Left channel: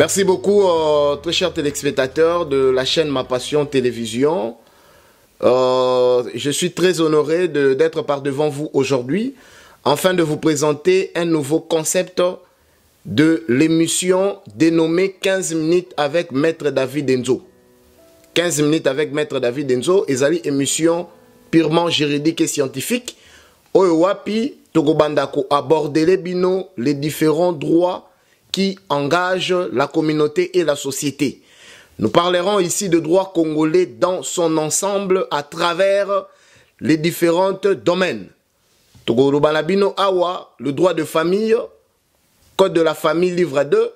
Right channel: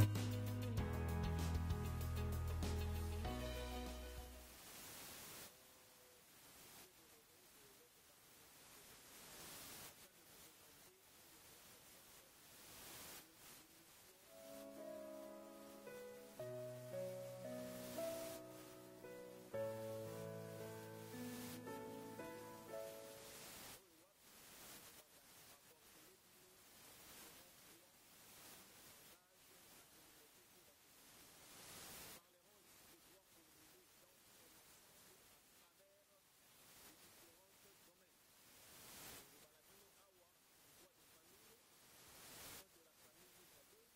Merci beaucoup, très chers téléspectateurs de la chaîne Ma Passion Télévision. Je suis très honoré d'être par devant vous aujourd'hui, afin de vous présenter un nouveau concept de l'émission dénommée 15 minutes avec Maître David Enzo. 15 minutes avec Maître David Enzo, et une émission purement juridique et scientifique. Oyowapi, Togobandako aborder les différents droits qui engagent la communauté et la société. Nous parlerons ici de droit congolais dans son ensemble à travers les différents domaines. Togolobanabino awa, le droit de famille, code de la famille livre 2,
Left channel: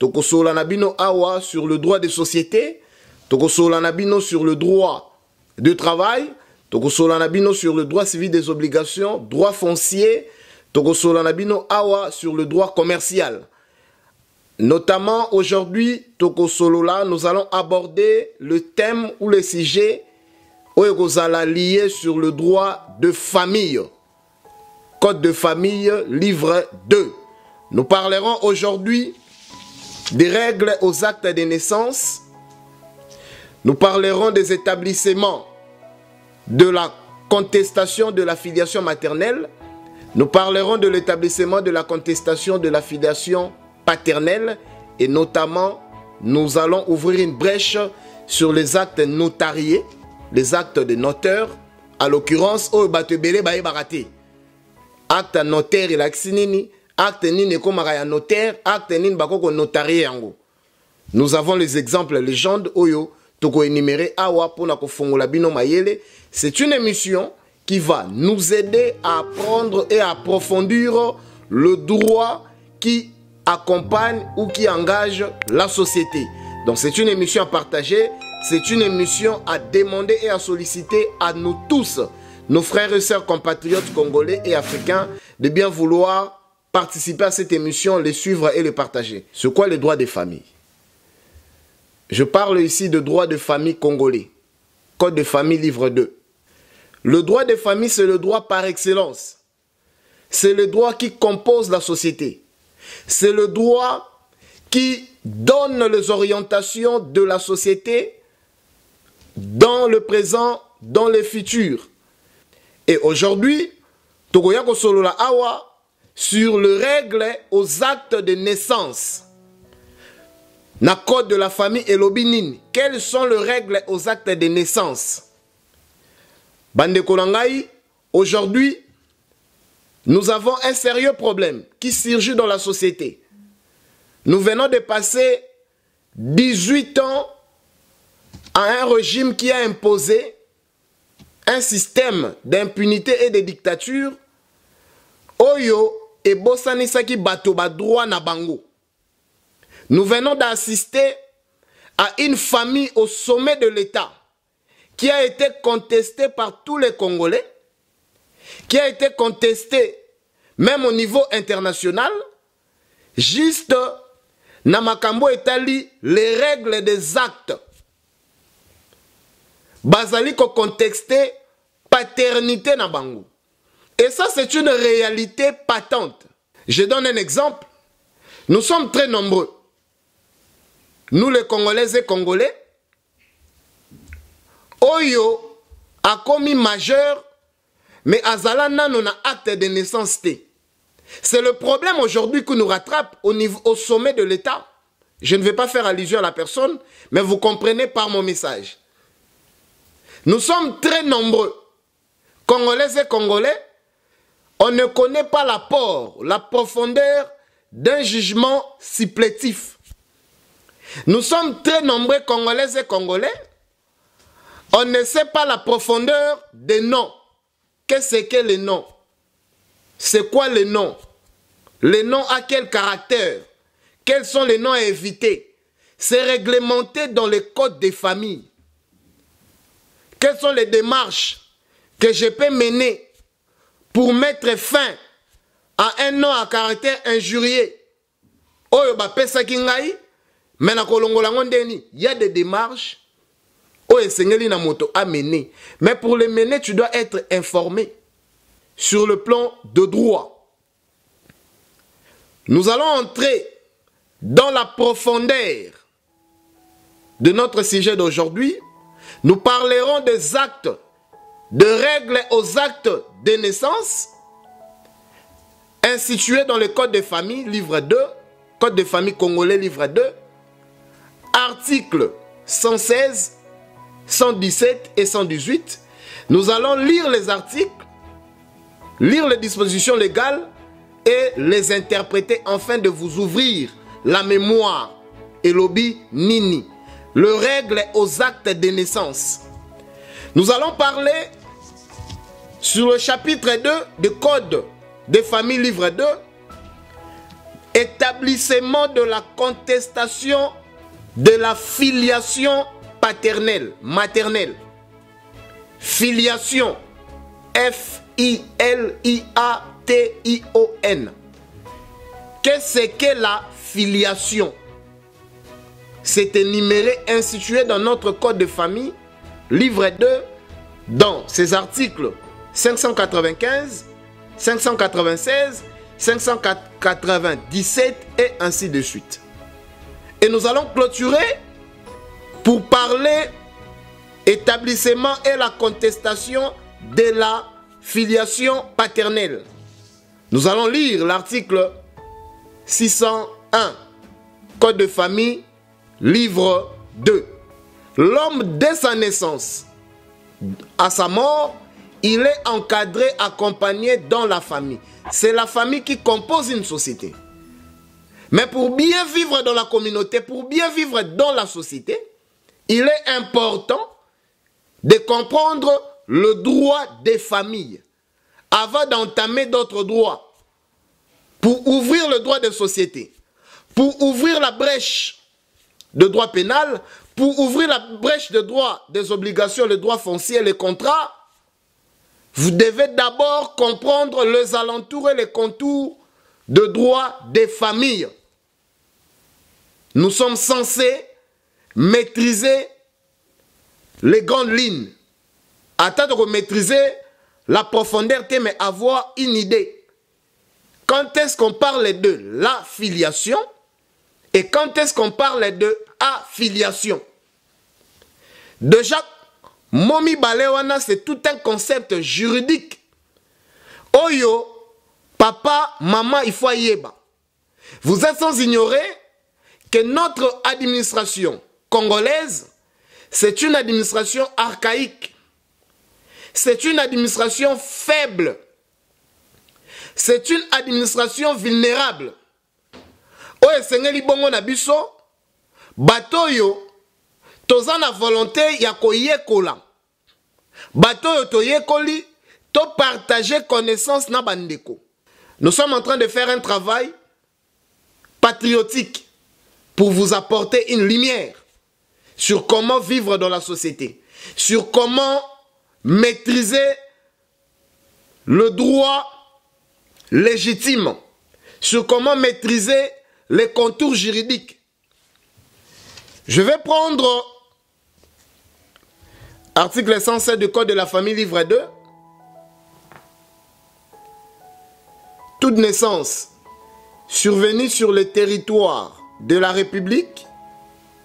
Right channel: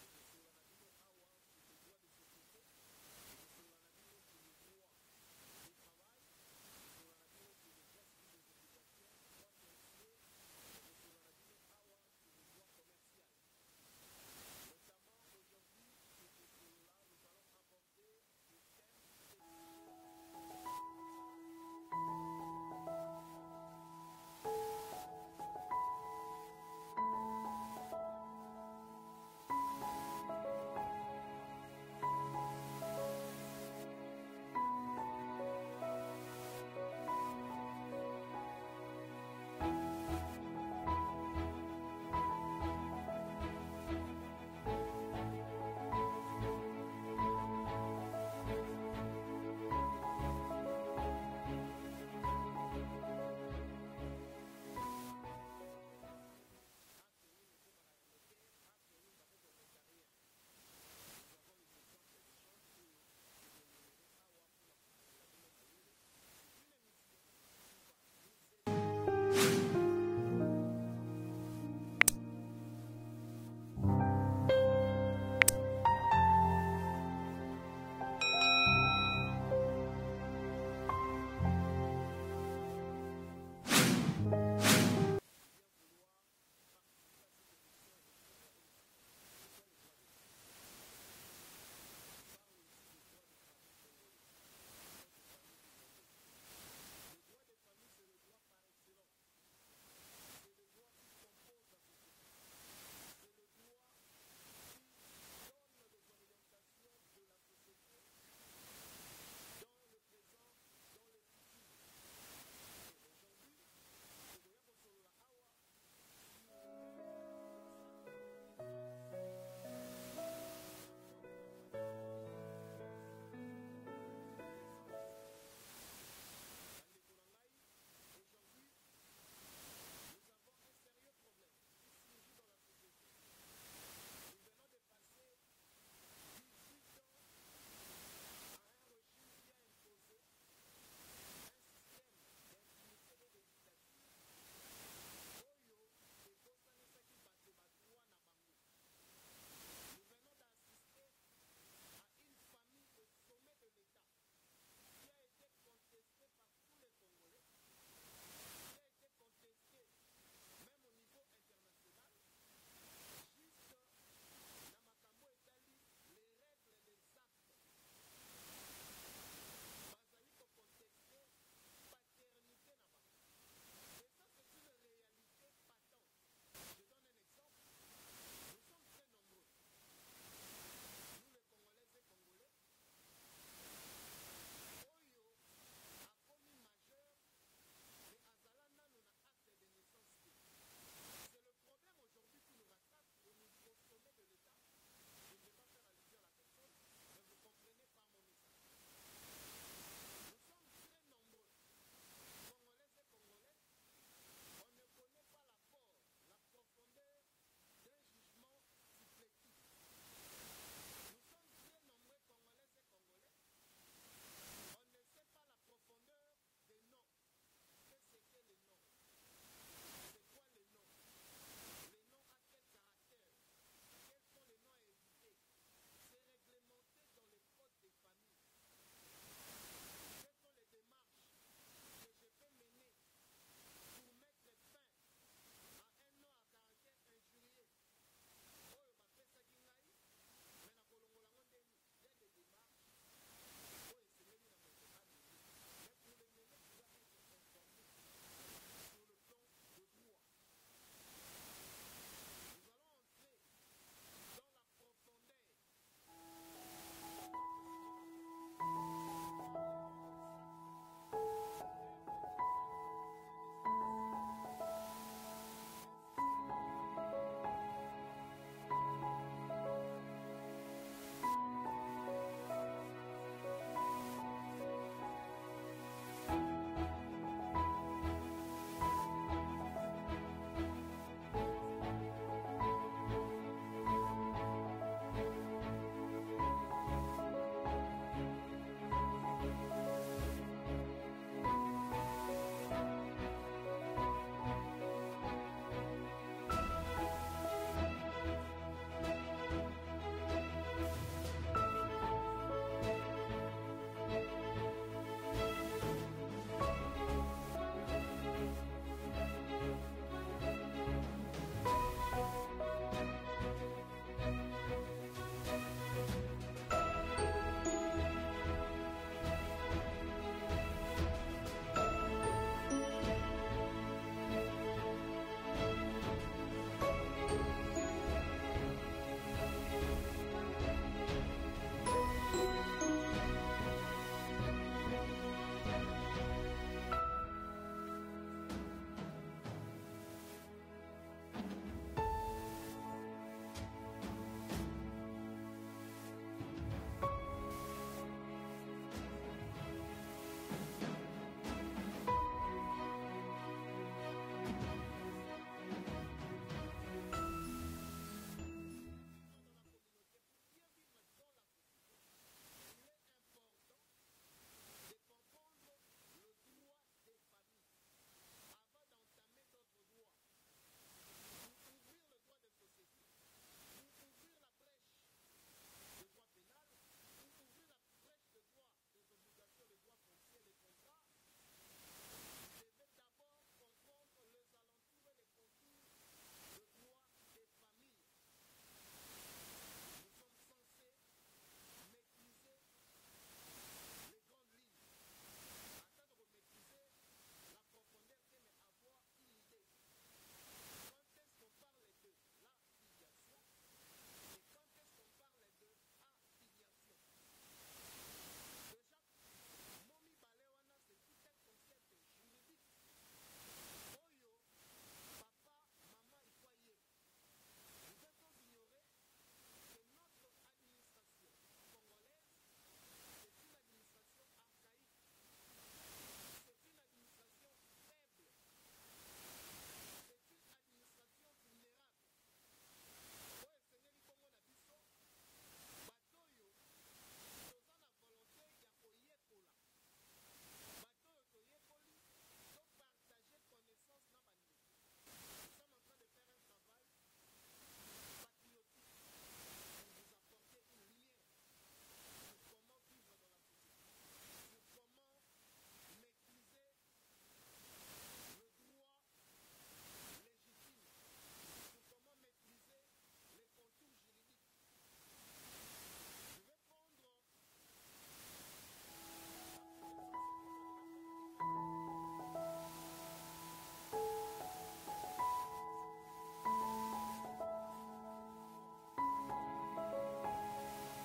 Tokosolanabino awa sur le droit de société, Tokosolanabino sur le droit de travail, Tokosolanabino sur le droit civil des obligations, droit foncier, Tokosolanabino awa sur le droit commercial. Notamment aujourd'hui, Tokosolola, nous allons aborder le thème ou le sujet lié sur le droit de famille. Code de famille, livre 2. Nous parlerons aujourd'hui des règles aux actes de naissance. Nous parlerons des établissements de la contestation de la filiation maternelle. Nous parlerons de l'établissement de la contestation de la filiation paternelle, et notamment nous allons ouvrir une brèche sur les actes notariés, les actes de notaire, à l'occurrence acte notaire et l'accinini, acte nini komara notaire, acte nini bakoko notarié yango. Nous avons les exemples légendes oyo toko énuméré awa pona ko fongola bino mayele. C'est une émission qui va nous aider à apprendre et à approfondir le droit qui accompagne ou qui engage la société. Donc c'est une émission à partager, c'est une émission à demander et à solliciter à nous tous, nos frères et sœurs compatriotes congolais et africains, de bien vouloir participer à cette émission, les suivre et les partager. C'est quoi les droits des familles? Je parle ici de droit de famille congolais, code de famille livre 2. Le droit des familles, c'est le droit par excellence. C'est le droit qui compose la société. C'est le droit qui donne les orientations de la société dans le présent, dans le futur. Et aujourd'hui, Togoyako Solola Awa sur le règle aux actes de naissance. Na code de la famille et l'obinine. Quelles sont les règles aux actes de naissance? Bande Kolangai, aujourd'hui, nous avons un sérieux problème qui surgit dans la société. Nous venons de passer 18 ans à un régime qui a imposé un système d'impunité et de dictature. Oyo et Bossanisaki Batoba droit na bango. Nous venons d'assister à une famille au sommet de l'État qui a été contestée par tous les Congolais, qui a été contesté même au niveau international, juste Namakambo établit les règles des actes. Basaliko contesté paternité Nabango. Et ça, c'est une réalité patente. Je donne un exemple. Nous sommes très nombreux. Nous, les Congolaises et Congolais, Oyo a commis majeur, mais Azala nano na acte de naissance T. C'est le problème aujourd'hui qui nous rattrape au sommet de l'État. Je ne vais pas faire allusion à la personne, mais vous comprenez par mon message. Nous sommes très nombreux, Congolaises et Congolais. On ne connaît pas l'apport, la profondeur d'un jugement supplétif. Nous sommes très nombreux, Congolaises et Congolais. On ne sait pas la profondeur des noms. Qu'est-ce que les noms? C'est quoi les noms? Les noms à quel caractère? Quels sont les noms à éviter? C'est réglementé dans les codes des familles. Quelles sont les démarches que je peux mener pour mettre fin à un nom à caractère injurieux? Oyo ba pesa kingai, mais na kolongola ngondeni, il y a des démarches oyo esengeli na moto à mener. Mais pour les mener, tu dois être informé sur le plan de droit. Nous allons entrer dans la profondeur de notre sujet d'aujourd'hui, nous parlerons des actes, de règles aux actes de naissance institués dans le Code de famille, livre 2, Code de famille congolais, livre 2, articles 116, 117 et 118. Nous allons lire les articles, lire les dispositions légales et les interpréter afin de vous ouvrir la mémoire et l'obi nini. Le règle aux actes de naissance. Nous allons parler sur le chapitre 2 du Code des familles, livre 2, établissement de la contestation de la filiation paternelle, maternelle. Filiation, F-I-L-I-A-T-I-O-N. Qu'est-ce que la filiation? C'est énuméré, institué dans notre code de famille, livre 2, dans ces articles 595, 596, 597 et ainsi de suite. Et nous allons clôturer pour parler établissement et la contestation de la filiation paternelle. Nous allons lire l'article 601, Code de famille, livre 2. L'homme, dès sa naissance à sa mort, il est encadré, accompagné dans la famille. C'est la famille qui compose une société. Mais pour bien vivre dans la communauté, pour bien vivre dans la société, il est important de comprendre le droit des familles avant d'entamer d'autres droits. Pour ouvrir le droit des sociétés, pour ouvrir la brèche de droit pénal, pour ouvrir la brèche de droit des obligations, le droit foncier, les contrats, vous devez d'abord comprendre les alentours et les contours de droit des familles. Nous sommes censés maîtriser les grandes lignes. Attendre de maîtriser la profondeur, mais avoir une idée. Quand est-ce qu'on parle de la filiation et quand est-ce qu'on parle de affiliation? Déjà, Momi Balewana, c'est tout un concept juridique. Oyo, papa, maman, il faut yeba. Vous êtes sans ignorer que notre administration congolaise, c'est une administration archaïque. C'est une administration faible. C'est une administration vulnérable. Oye sengeli bongo na biso, batoyo, toza na volonté ya koyekola. Batoyo toyekoli, to partager connaissance na bandeko. Nous sommes en train de faire un travail patriotique pour vous apporter une lumière sur comment vivre dans la société, sur comment maîtriser le droit légitime, sur comment maîtriser les contours juridiques. Je vais prendre article 107 du Code de la famille, livre 2. Toute naissance survenue sur le territoire de la République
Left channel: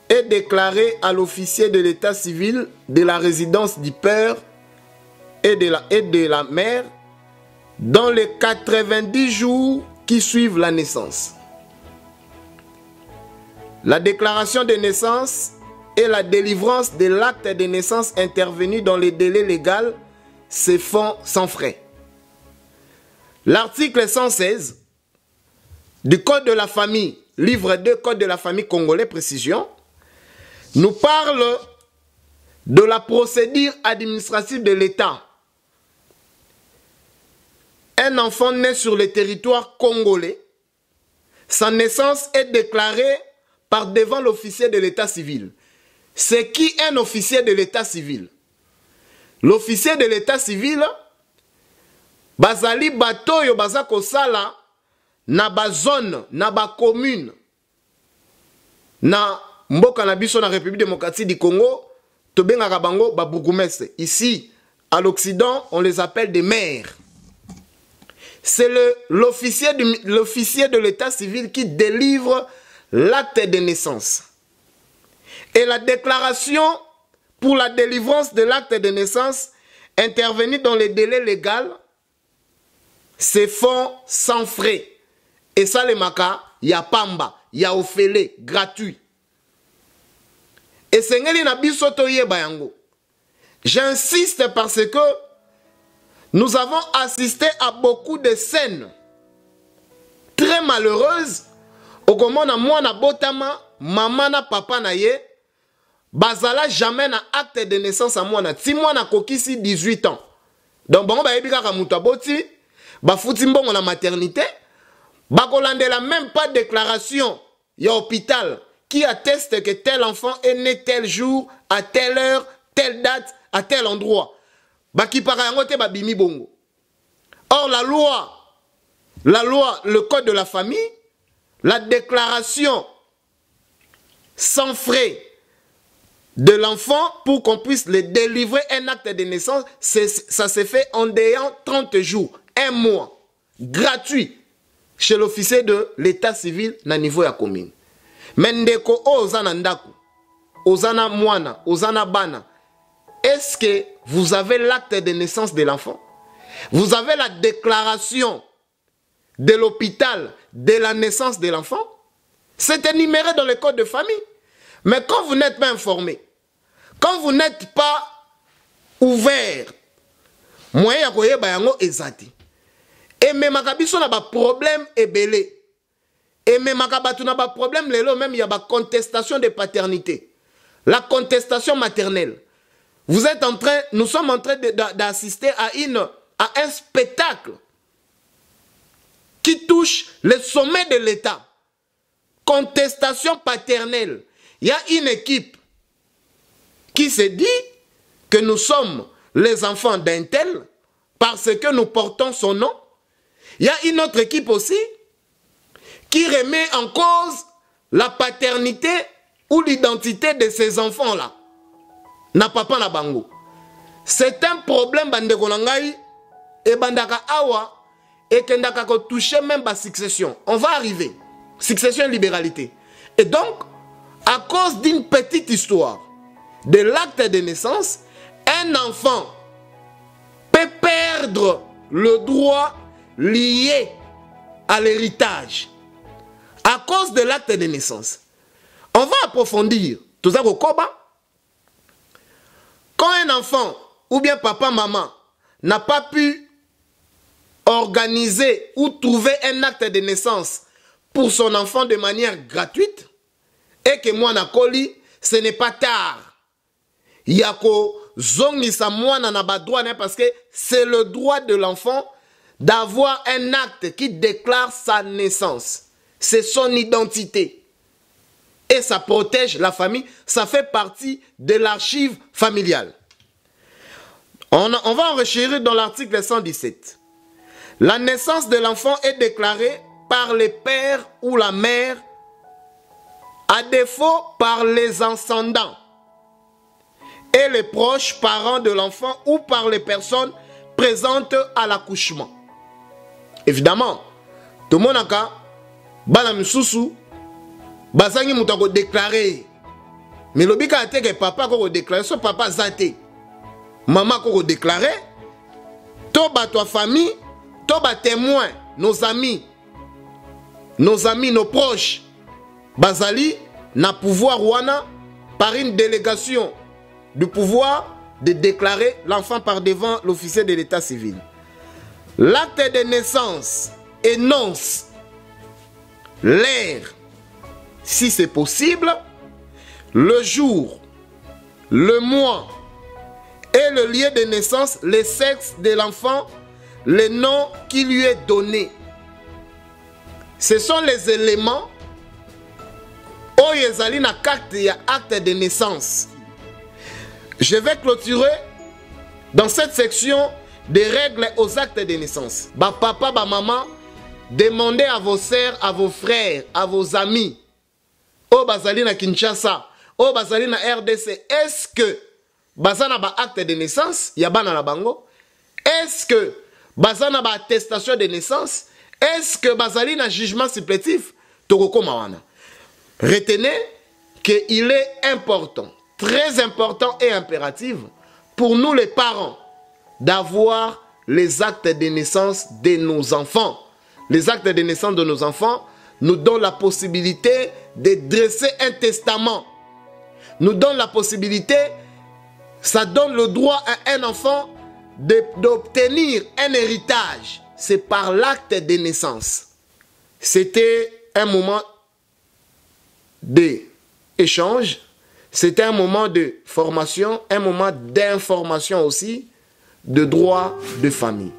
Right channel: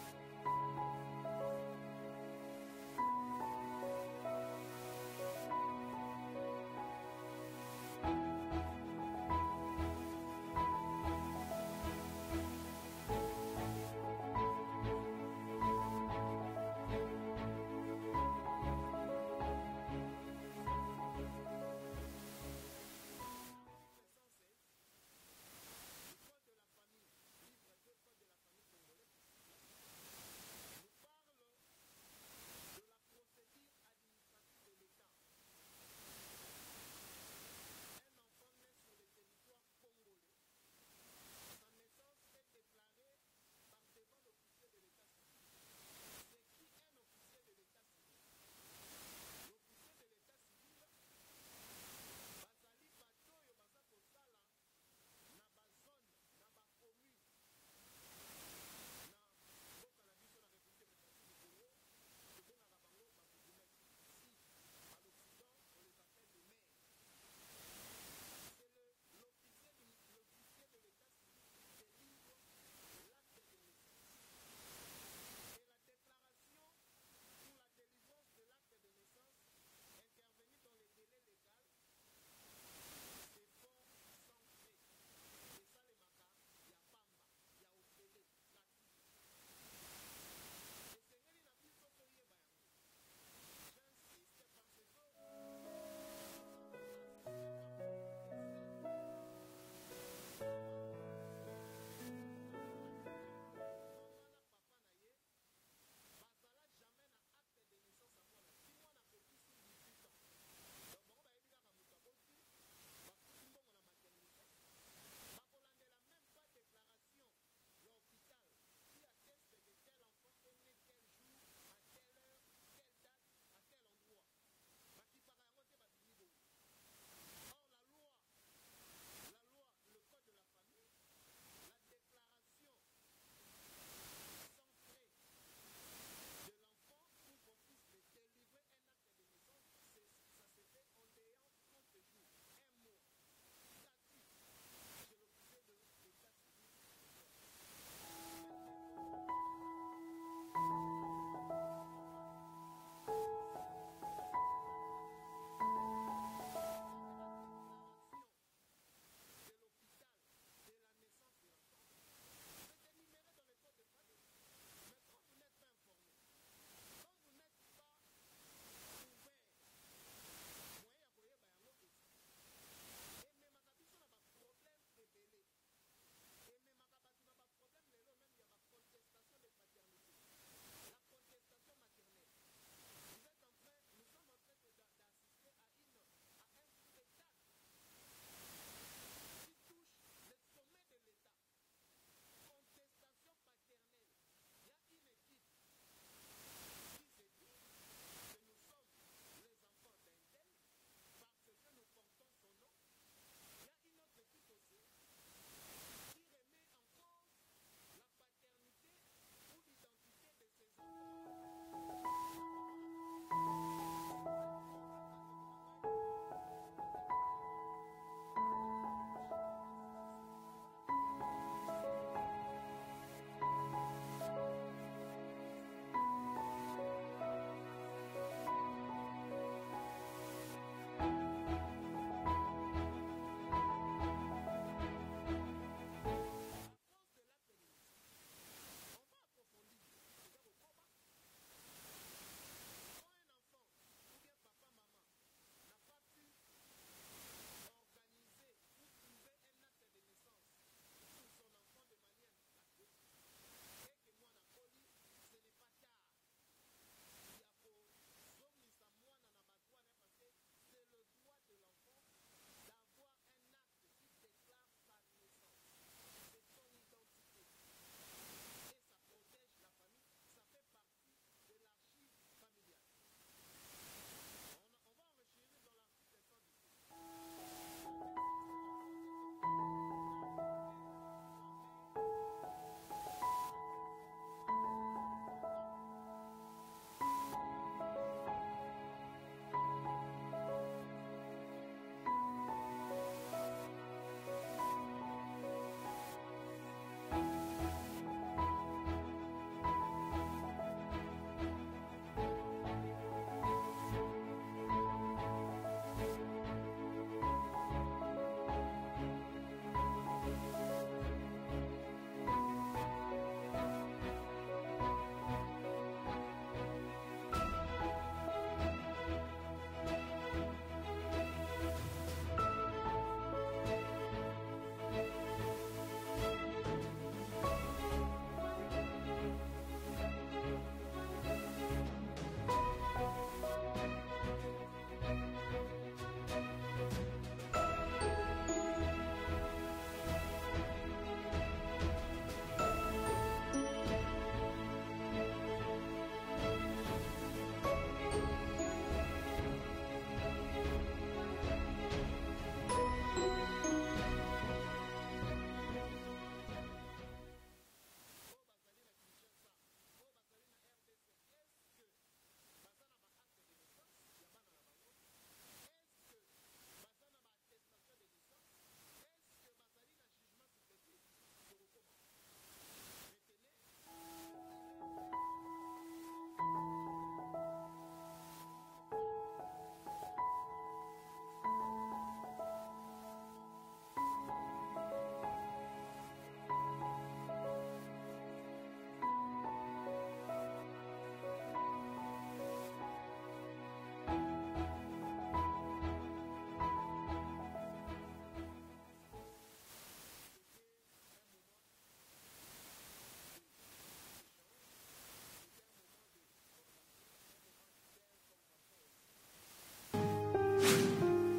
est déclarée à l'officier de l'état civil de la résidence du père et de la mère dans les 90 jours qui suivent la naissance. La déclaration de naissance et la délivrance de l'acte de naissance intervenu dans les délais légaux se font sans frais. L'article 116 du Code de la famille, livre 2, Code de la famille congolais, précision, nous parle de la procédure administrative de l'État. Un enfant né sur le territoire congolais, sa naissance est déclarée par devant l'officier de l'état civil. C'est qui un officier de l'état civil? L'officier de l'état civil, bazali batoyo bazako sala na bazone, na ba commune, na mboka na biso na République démocratique du Congo, tobengaka bango ba bourgmestre. Ici, à l'Occident, on les appelle des maires. C'est l'officier de l'état civil qui délivre l'acte de naissance et la déclaration pour la délivrance de l'acte de naissance intervenir dans les délais légaux se font sans frais. Et ça, les maka, il y a pamba, il y a ofélé, gratuit. Et c'est ce j'insiste parce que nous avons assisté à beaucoup de scènes très malheureuses. Au comment na moi na botama, maman na papa na ye, bazala jamais na acte de naissance à moi na. Si moi na kokisi 18 ans. Donc bon ba yebika ka muta boti, ba futi mbongo na maternité, ba kolandela même pas déclaration ya hôpital qui atteste que tel enfant est né tel jour, à telle heure, telle date, à tel endroit. Ba ki para yango te ba bimi bongo. Or la loi, le code de la famille, la déclaration sans frais de l'enfant pour qu'on puisse le délivrer un acte de naissance, ça se fait en ayant 30 jours, un mois, gratuit, chez l'officier de l'état civil na niveau ya commune. Mendeko ozana ndaku, ozana mwana, ozana bana, est-ce que vous avez l'acte de naissance de l'enfant? Vous avez la déclaration de l'hôpital de la naissance de l'enfant? C'est énuméré dans le code de famille. Mais quand vous n'êtes pas informé, quand vous n'êtes pas ouvert, moyen ya koyeba yango ezati. Et même makabiso na ba problème ebele. Et même makabatu na ba problème lelo même il y a ba contestation de paternité. La contestation maternelle. Vous êtes en train, nous sommes en train d'assister à un spectacle qui touche le sommet de l'État. Contestation paternelle. Il y a une équipe qui se dit que nous sommes les enfants d'un tel parce que nous portons son nom. Il y a une autre équipe aussi qui remet en cause la paternité ou l'identité de ces enfants-là. Na papa na bango. C'est un problème bandeko nangai et bandaka awa et kendaka ko toucher même la succession. On va arriver. Succession et libéralité. Et donc, à cause d'une petite histoire de l'acte de naissance, un enfant peut perdre le droit lié à l'héritage à cause de l'acte de naissance. On va approfondir tout ça au Koba. Quand un enfant ou bien papa, maman n'a pas pu organiser ou trouver un acte de naissance pour son enfant de manière gratuite, et que moi nakoli, ce n'est pas tard. Yako zongisa moi na ba droit parce que c'est le droit de l'enfant d'avoir un acte qui déclare sa naissance. C'est son identité. Et ça protège la famille, ça fait partie de l'archive familiale. On va enrichir dans l'article 117. La naissance de l'enfant est déclarée par le père ou la mère, à défaut par les ascendants et les proches parents de l'enfant ou par les personnes présentes à l'accouchement. Évidemment, tout le monde a bana misusu bazangi mutako déclarer. Mais le bika a que papa ko déclarer, so papa zate. Maman ko déclarer. Toba toi famille, toba témoin, nos amis, nos proches. Bazali na pouvoir wana par une délégation du pouvoir de déclarer l'enfant par devant l'officier de l'état civil. L'acte de naissance énonce l'heure, si c'est possible, le jour, le mois et le lieu de naissance, le sexe de l'enfant, le nom qui lui est donné. Ce sont les éléments oyezali na carte ya acte de naissance. Je vais clôturer dans cette section des règles aux actes de naissance. Ba papa, ba maman, demandez à vos sœurs, à vos frères, à vos amis, au bazali na Kinshasa, au bazali na RDC, est-ce que bazana ba acte de naissance, yabana na bango? Est-ce que bazana ba attestation de naissance? Est-ce que bazali na jugement supplétif? Tokoko mawana. Retenez qu'il est important, très important et impératif pour nous les parents d'avoir les actes de naissance de nos enfants. Les actes de naissance de nos enfants nous donnent la possibilité de dresser un testament. Nous donnent la possibilité, ça donne le droit à un enfant d'obtenir un héritage. C'est par l'acte de naissance. C'était un moment d'échange, c'était un moment de formation, un moment d'information aussi, de droit de famille.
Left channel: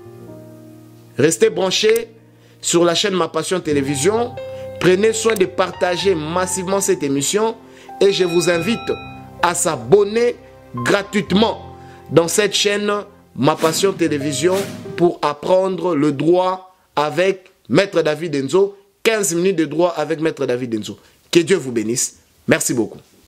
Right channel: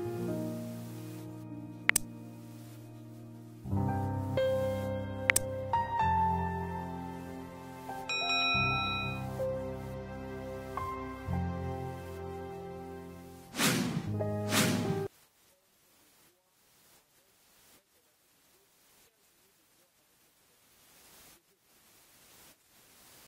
Restez branchés sur la chaîne Ma Passion Télévision. Prenez soin de partager massivement cette émission et je vous invite à s'abonner gratuitement dans cette chaîne Ma Passion Télévision pour apprendre le droit avec Maître David Nzo. 15 minutes de droit avec Maître David Nzo. Que Dieu vous bénisse. Merci beaucoup.